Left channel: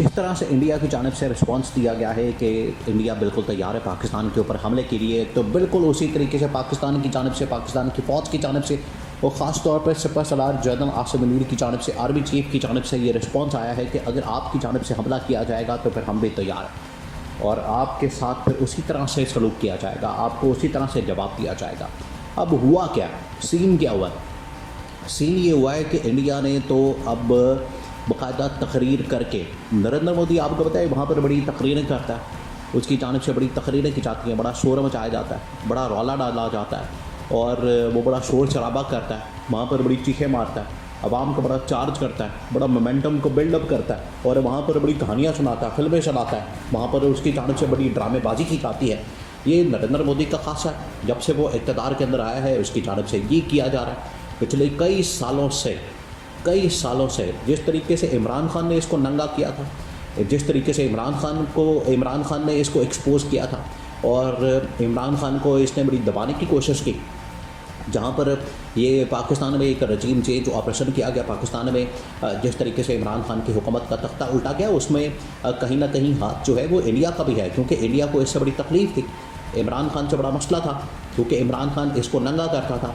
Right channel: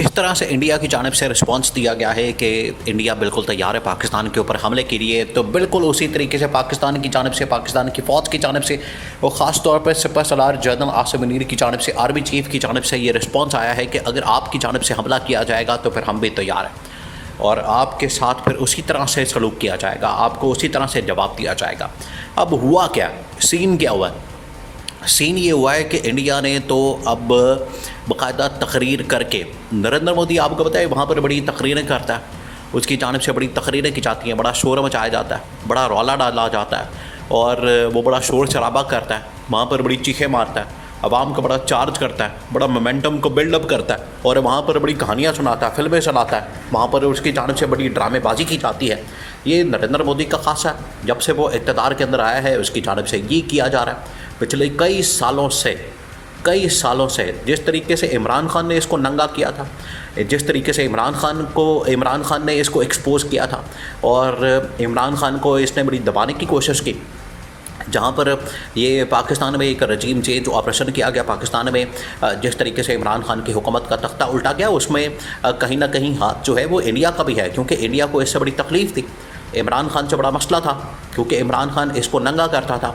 जिस तरह से इंडिया की जानिब से रिस्पांस दिया गया है कि इंडिया बिल्कुल तैयार है पाकिस्तान के ऊपर हमले के लिए, तो बिल्कुल उसी तरीके से पाकिस्तान की जानिब से, पाकिस्तान की फ़ौज की जानिब से, वो ख़ास तौर पर सिपह सलार जनरल आसिम मुनीर की जानिब से, आर्मी चीफ़ की जानिब से ये रिस्पांस आया है कि अगर आपकी जानिब से हमला किया जाएगा तो फिर हम भी तैयार हैं और आपके साथ फिर उसी तरह से सलूक किया जाएगा, आपको उसी तरह से जवाब दिया जाएगा। अब हुआ क्या, सीन क्या हुआ? सीन ये हुआ है कि इंडिया ने तो अब बाकायदा तकरीर करके, नरेंद्र मोदी आपको पता है वहाँ पर बड़ी तकरीरें करता है, उसकी जानिब से बड़ी तकरीरें की जाती हैं, बड़ा शोर मचाया जाता है, बड़ा रौला डाला जाता है और वो बड़ा शोर शराबा करता है, वहाँ पर बड़ी चीखें मारता है, आवाम को बड़ा चार्ज करता है, बड़ा मोमेंटम को बिल्डअप करता है और वहाँ पर बड़ी कहानियाँ सुनाता है, फिल्में चलाता है, वहाँ पर उसकी जानिब से बड़ी ड्रामेबाजी की जाती है। ये नरेंद्र मोदी का खासा है, जब से वो इक़्तिदार के अंदर आया है उसकी जानिब से ये किया जा रहा है। पिछले कई सालों से जिस तरीके से इमरान खान ने इसको नंगा किया था, जिस तरीके से इमरान खान ने इसको एक्सपोज़ किया था और इमरान खान को इसने बड़ी दबाने की कोशिश की, जहाँ पर ये पाकिस्तान में एक रजीम चेंज ऑपरेशन किया गया, पाकिस्तान में जिस तरीके से इमरान खान की हुकूमत का तख्ता उल्टा गया, उसमें कहीं ना कहीं हाथ जो है वो इंडिया का भी है, क्योंकि इंडिया को इससे बड़ी तकलीफ़ थी। इमरान खान से बड़ा मसला था क्योंकि इमरान खान इसको नंगा करता था,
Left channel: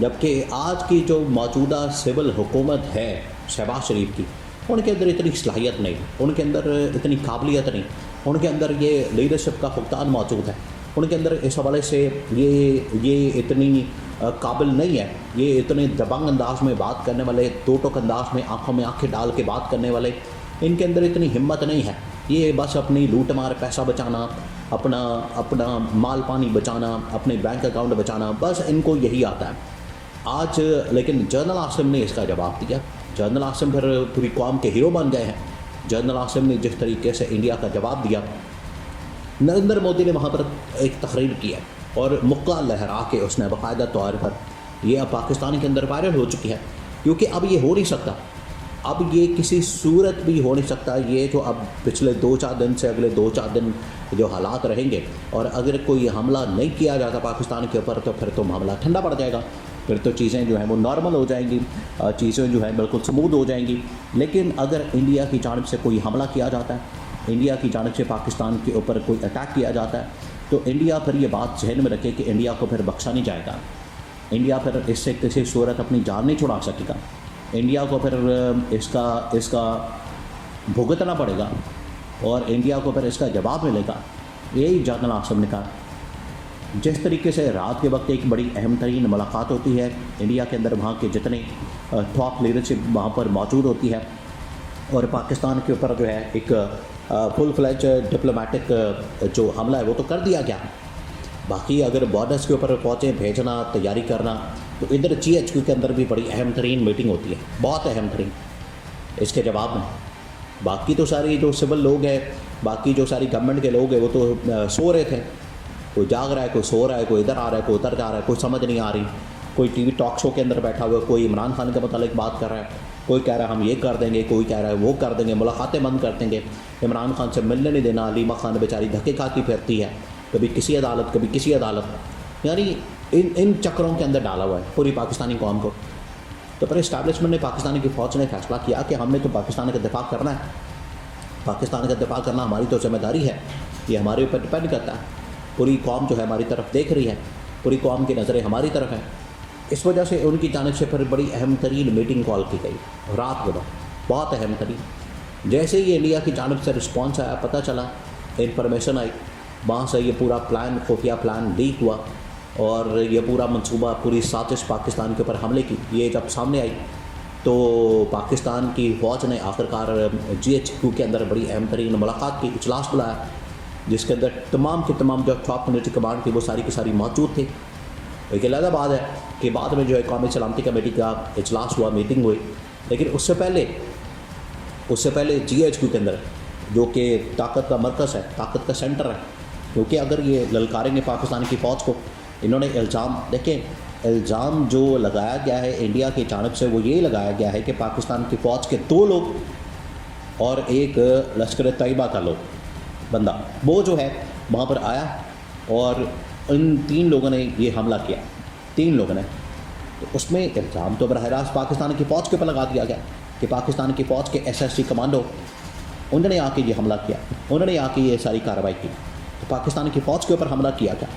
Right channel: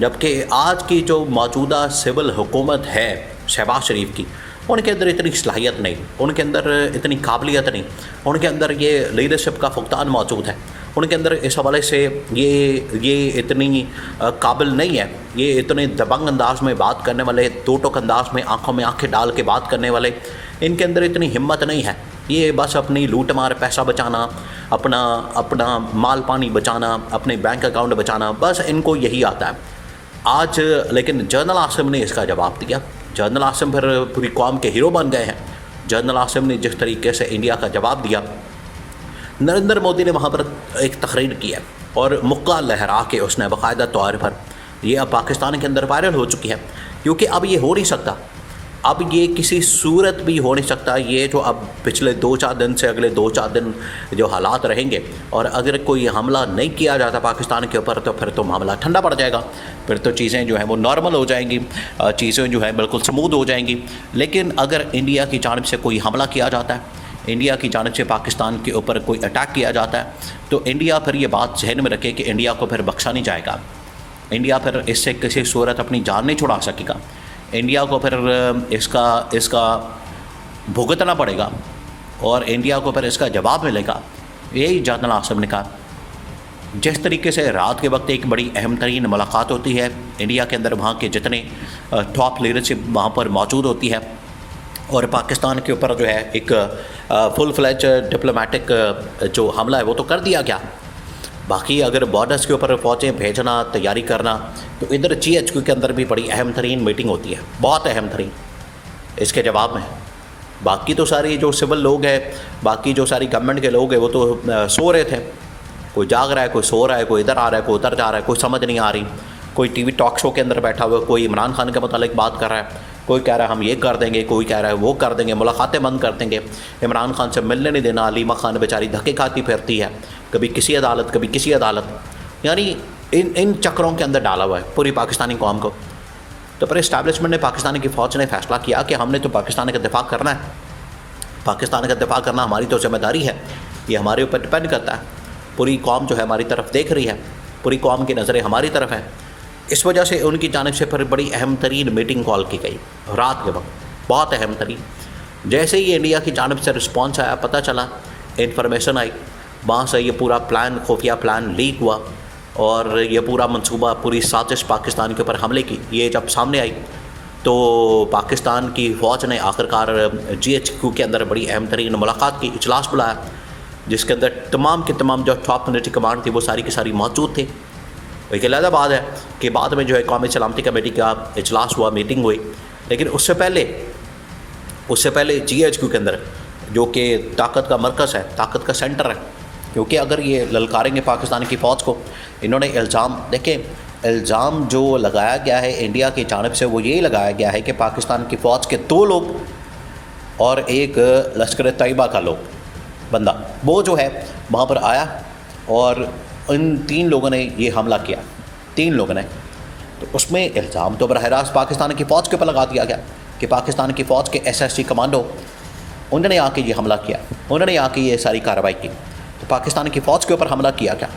जबकि आज की जो मौजूदा सिविल हुकूमत है शहबाज शरीफ की, उनके अंदर इतनी सलाहियत नहीं, उनके अंदर इतनी काबिलियत नहीं, उनके अंदर ये लीडरशिप का फुकदान मौजूद है, उनके अंदर इस हवाले से ये इतनी काबिल नहीं है, ये इतने दबंग अंदाज में बात करने वाले, दो टोक अंदाज में आंखों में आंखें डाल के बात करने वाले, इनके अंदर इतनी हिम्मत नहीं है। ये बस अपनी लूट मार, पैसा बचाना, अपना माल पानी बचाना, अपने बैंक अकाउंट बचाना, बस इनको यही आता है आज। लेकिन जनरल आसिम ने इसका जवाब दिया। जनरल आसिम फिर पूरी कौम के हीरो बन गए हैं। जनरल आसिम ने जिस तरीके से इंडिया का जवाब दिया, नरेंद्र मोदी ने वहाँ पर एक तकरीर की है और मुक्का लहरा के उसने बाकायदा तौर पर, ये अब पाकिस्तान के अंदर वायरल हो चुकी है, क्योंकि अब ये हो नहीं सकता, अब ये किसी सूरत भी हो नहीं सकता। ये जो अब पिछले 2-4 दिन से अगले 2-4 दिन जो हालात रहेंगे, और अगर कोई हमला नहीं किया जाता पाकिस्तान के ऊपर तो फिर तो मामला ठंडा पड़ जाएगा, फिर तो चीज़ें जो हैं वो नॉर्मल हो जाएंगी, चीज़ें जो हैं बिल्कुल स्मूथ हो जाएंगी। लेकिन अगर इंडिया की जानिब से कोई हमला किया जाता है, इंडिया की जानिब से पाकिस्तान के ऊपर कोई अटैक किया जाता है, तो इंडिया फिर ये बात जहन में रखे कि इंडिया को फिर बख्शा नहीं जाएगा। इंडिया फिर इससे किसी सूरत अपनी जान नहीं छुड़ा सकेगा। इंडिया को फिर इसका भुगतना पड़ेगा और इंडिया को फिर इसका जवाब मिलेगा। यही जनरल आसिम ने कहा। जिस तरीके से रात के वक्त एक बड़ी अहम तरीन मुलाकात होती है इंडिया के अंदर, वहाँ के जितने टॉप लीडरशिप वहाँ पर मौजूद होती है, और पाकिस्तान के ऊपर जो है एक फुल फ्लैज डिप्लोमेटिक जो हमला है वो तो कर दिया गया। बाकी अगर बॉर्डर्स के ऊपर फ़ौजें भेजना, तैयारी करना, तो इधर GHQ के अंदर भी बड़ी अहम तरीन मीटिंग होती है, बहुत अहम तरीन, इसके जवाब में। बाकी तो सारी जो सिविल लोग हैं, बाकी जो सारी गवर्नमेंट के लोग हैं, वो तो सो रहे थे, कोई जाग रहा है, कोई सो रहा है, कोई इधर आ रहा है, कोई उधर जा रहा है, कोई समझ नहीं आ रही, कोई TV टॉक शो के अंदर बैठा हुआ, कोई इमरान खान के मुतालिक बात कर रहा है, कोई कह रहा है हम ये कर देंगे, कोई कह रहा है वो कर देंगे, मुलाकातें बंद कर देंगे, इमरान खान से मिलने नहीं देना। अलीमा खान बेचारी धक्के खाती फिरती है, कभी किसी अदालत कभी किसी अदालत, यानी इन चक्रों के अंदर डाला हुआ है पूरी पाकिस्तानी कौम को। तो फिर इस्टेब्लिशमेंट ने, पाकिस्तानी की फ़ौज ने फैसला किया कि हमने तो पाकिस्तान का दिफा करना है, पाकिस्तान का दिफा करना हमारी तो जिम्मेदारी है, ये हमारे ऊपर डिपेंड करता है। पूरी कौम जो है हमारी तरफ देख रही है, पूरी कौम की नज़रें हमारी तरफ है। इस वजह से उनकी जानिब से फिर बड़ी अहम तरीन मीटिंग कॉल की गई रात के वक्त, बहुत अहम तरीन। जैसे ही इंडिया की जानिब से रिस्पॉन्स आया, पता चला, इन्फॉर्मेशन आई, वहाँ से ये पूरा प्लान, खुफिया प्लान लीक हुआ और ये पूरा मंसूबा, पूरी साजिश पाकिस्तान के ऊपर हमले की, ये जब सामने आई तो पाकिस्तान की फ़ौज ने आखिरकार GHQ के अंदर बड़ी अहम तरीन मुलाकात की, इजलास बुलाया, जिसके अंदर तमाम के तमाम जो टॉप मिलिट्री कमांड थी वो सारी की सारी मौजूद थे। एक अलग बात है कि बाद में जो है कौमी सलामती कमेटी का इजलास हुआ, मीटिंग हुई, लेकिन उससे पहले GHQ के अंदर, जो कि ताकत का मरकज़ है, ताकत का सेंटर है, क्योंकि अगर ये ललकारेंगे पाकिस्तान की फ़ौज को, इन्होंने इल्ज़ाम, देखें, इल्ज़ाम जो लगाया गया है इंडिया की जानिब से वो यही लगाया गया है कि पाकिस्तान की फ़ौज के 2 लोग और एक लश्कर तैयबा का बंदा, वो जो है वहाँ पर आया और इन 3 लोगों ने ये हमला किया, 3 लोगों ने। तो उसमें इल्ज़ाम तो बरह रास्त पाकिस्तान की फ़ौज के ऊपर लगा दिया गया कि पाकिस्तान की फ़ौज के SSG कमांडो उन्होंने आके ये हमला किया, उन्होंने आके ये सारी कार्रवाई की। तो पाकिस्तान की फ़ौज के ऊपर हमला किया क्या?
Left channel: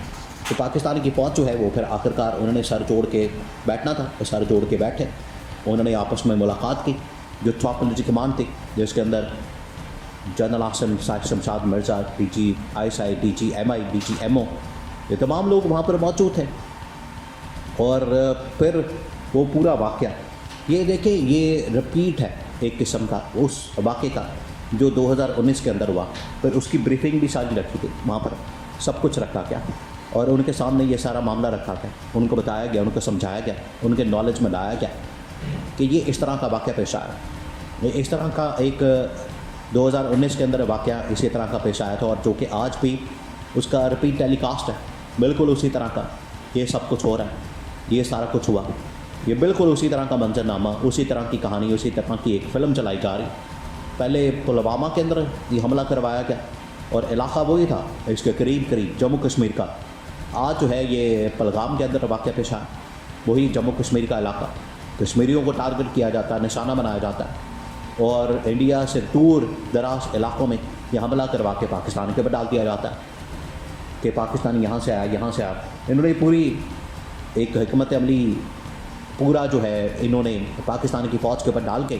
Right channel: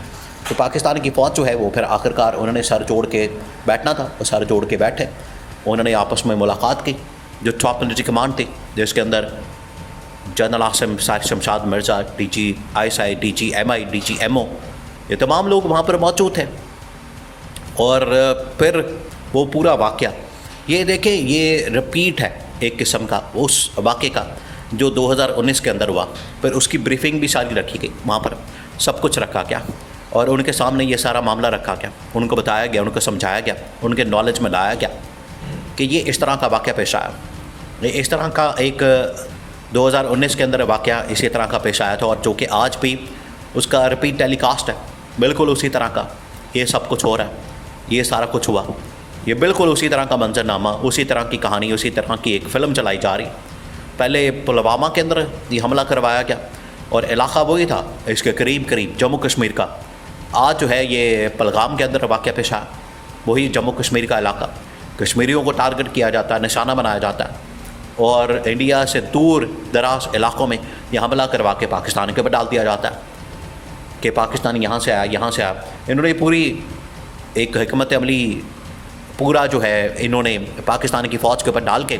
तो पाकिस्तान की फ़ौज जो है वो फिर आखिरकार उन्होंने सर जोड़ के बैठना था, वो सर जोड़ के बैठे। उन्होंने आपस में मुलाकात की। जो टॉप मिलिट्री कमांड थी, जिसके अंदर general Asim Shamshad Mirza, DG/ISI, DG/MI, DG/MO, ये तमाम लोग वहाँ पर मौजूद थे। और फिर वो पूरा वाक़या ये देखें, ये रिपीट है एक किस्म का उस वाक़े का जो 2019 के अंदर हुआ। फिर उसकी ब्रीफिंग भी सारी रखी गई, वहाँ पर सब कुछ रखा गया और उनके सामने ये सारा मामला रखा गया, उनको बताया गया, उनको समझाया गया, उनके नॉलेज में लाया गया कि ये इस तरह का वाक़या पेश आया। ये इस तरह का एक 2019 के अंदर वाक़या इसी तरह का पेश आया था और जो कि आज भी उसका रिपीट टेलीकास्ट है, बिल्कुल उसी तरह का ये सब कुछ हो रहा है, ये सारा कुछ हुआ, ये बिल्कुल उसी तरह का मंजरनामा, उसी तरह की कहानी, उसी तरह की एक फ़िल्म चलाई जा रही। पहले पुलवामा के अंदर ये हमला करवाया गया और इलाका वही था इसके करीब जम्मू कश्मीर का। आज जो है ये पहलगाम के अंदर वाक़या पेश आया, वही जम्मू कश्मीर का इलाका। कश्मीरियों को टारगेट किया जाता है, निशाना बनाया जाता है और इंडिया से दूर दराज इलाकों में यह हमला करवा के पाकिस्तान के ऊपर डाल दिया जाता है कि पाकिस्तान यहाँ से आया। इन्होंने पूरी एक हिकमत अमली पूरा जो है इन्होंने पाकिस्तान की फ़ौज के ऊपर डाल के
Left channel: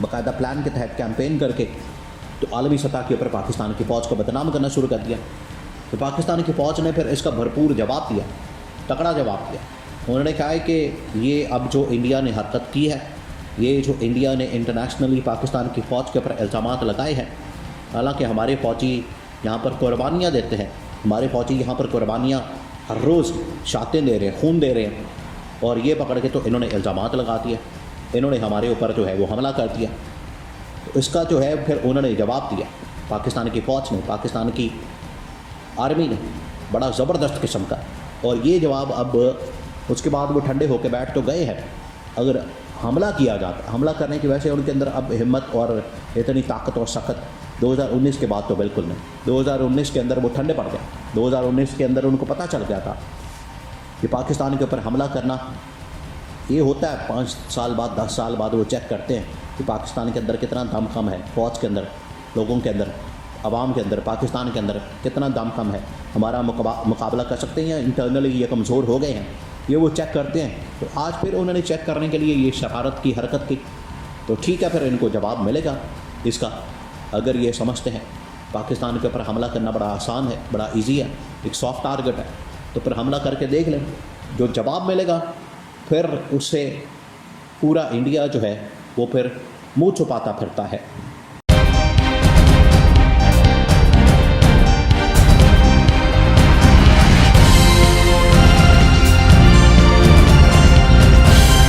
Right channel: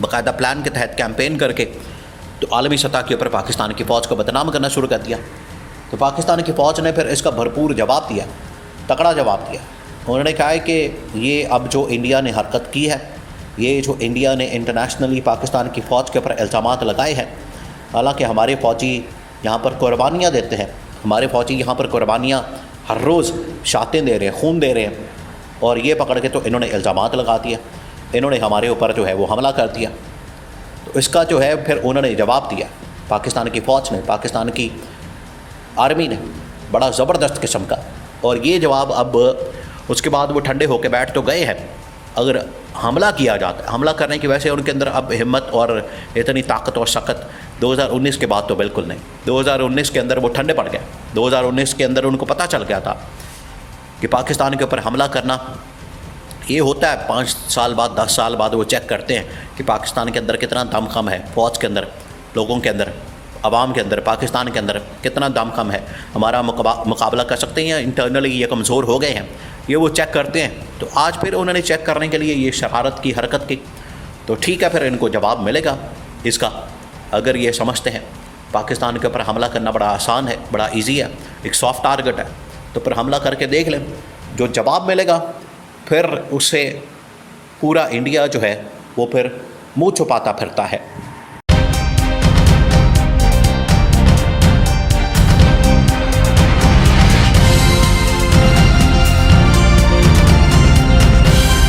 बाकायदा प्लान के तहत कैंपेन करके तो आलमी सतह के ऊपर पाकिस्तान की फ़ौज को बदनाम करना शुरू कर दिया। तो पाकिस्तान की फ़ौज ने फिर इसका भरपूर जवाब दिया, तगड़ा जवाब दिया। उन्होंने कहा है कि ये अब जो इंडिया ने हरकत की है, ये जो इंडिया ने इंटरनेशनली पाकिस्तान की फ़ौज के ऊपर इल्ज़ामात लगाए हैं, हालांकि हमारे फ़ौजी यहाँ पर कुर्बानियाँ देते हैं, हमारे फ़ौजी यहाँ पर कुर्बानियाँ हर रोज़ शातें दे रहे हैं, खून दे रहे हैं, और ये पकड़ के तो इन्होंने इल्ज़ामात लगा दिया, इन्होंने हमारे ऊपर जो है वो हमला कर दिया। तो इसका जो है फिर उन्होंने जवाब दिया, पाकिस्तान की फ़ौज ने, पाकिस्तान की आर्मी ने, बड़ा ज़बरदस्त किस्म का। और ये जवाब अब उसके बाद वो ठंडे होकर बैठ तो गए हैं। अगर हमला किया जाता, हमला करने की वजह से उनके अंदर अब हिम्मत और इतनी ताकत और सख्त 2019 के बाद तो बिल्कुल नहीं। 2019 के अंदर वो ठंडे पड़ गए। 2019 के अंदर उनको पता चल गया था कि पाकिस्तान के ऊपर हमला करना ये होता है। 5 साल बाद, 10 साल बाद वो चेक करते हैं कि पाकिस्तान के अंदर कितना दमखम है, फ़ौज के अंदर, लोगों के अंदर, अवाम के अंदर, पाकिस्तान के अंदर कितना दमखम है, हमारा मुकाबला कर सकते हैं या इंटरनली ये कमज़ोर हो गए हैं, ये वो चेक करते हैं। तो आज फिर उन्होंने चेक करने के लिए ये शरारत की हरकत की। तो ठीक है, फिर इनको जवाब मिलेगा इसका। अगर ये समझते हैं पाकिस्तान के ऊपर हमला करना बड़ा आसान है, बड़ा ईजी है, एक सॉफ्ट टारगेट है, तो फिर हमला करके देख लें। जो जवाब मिलेगा फिर उससे पूरा इंडिया जो है वो फिर मुँह छुपाता फिरता है।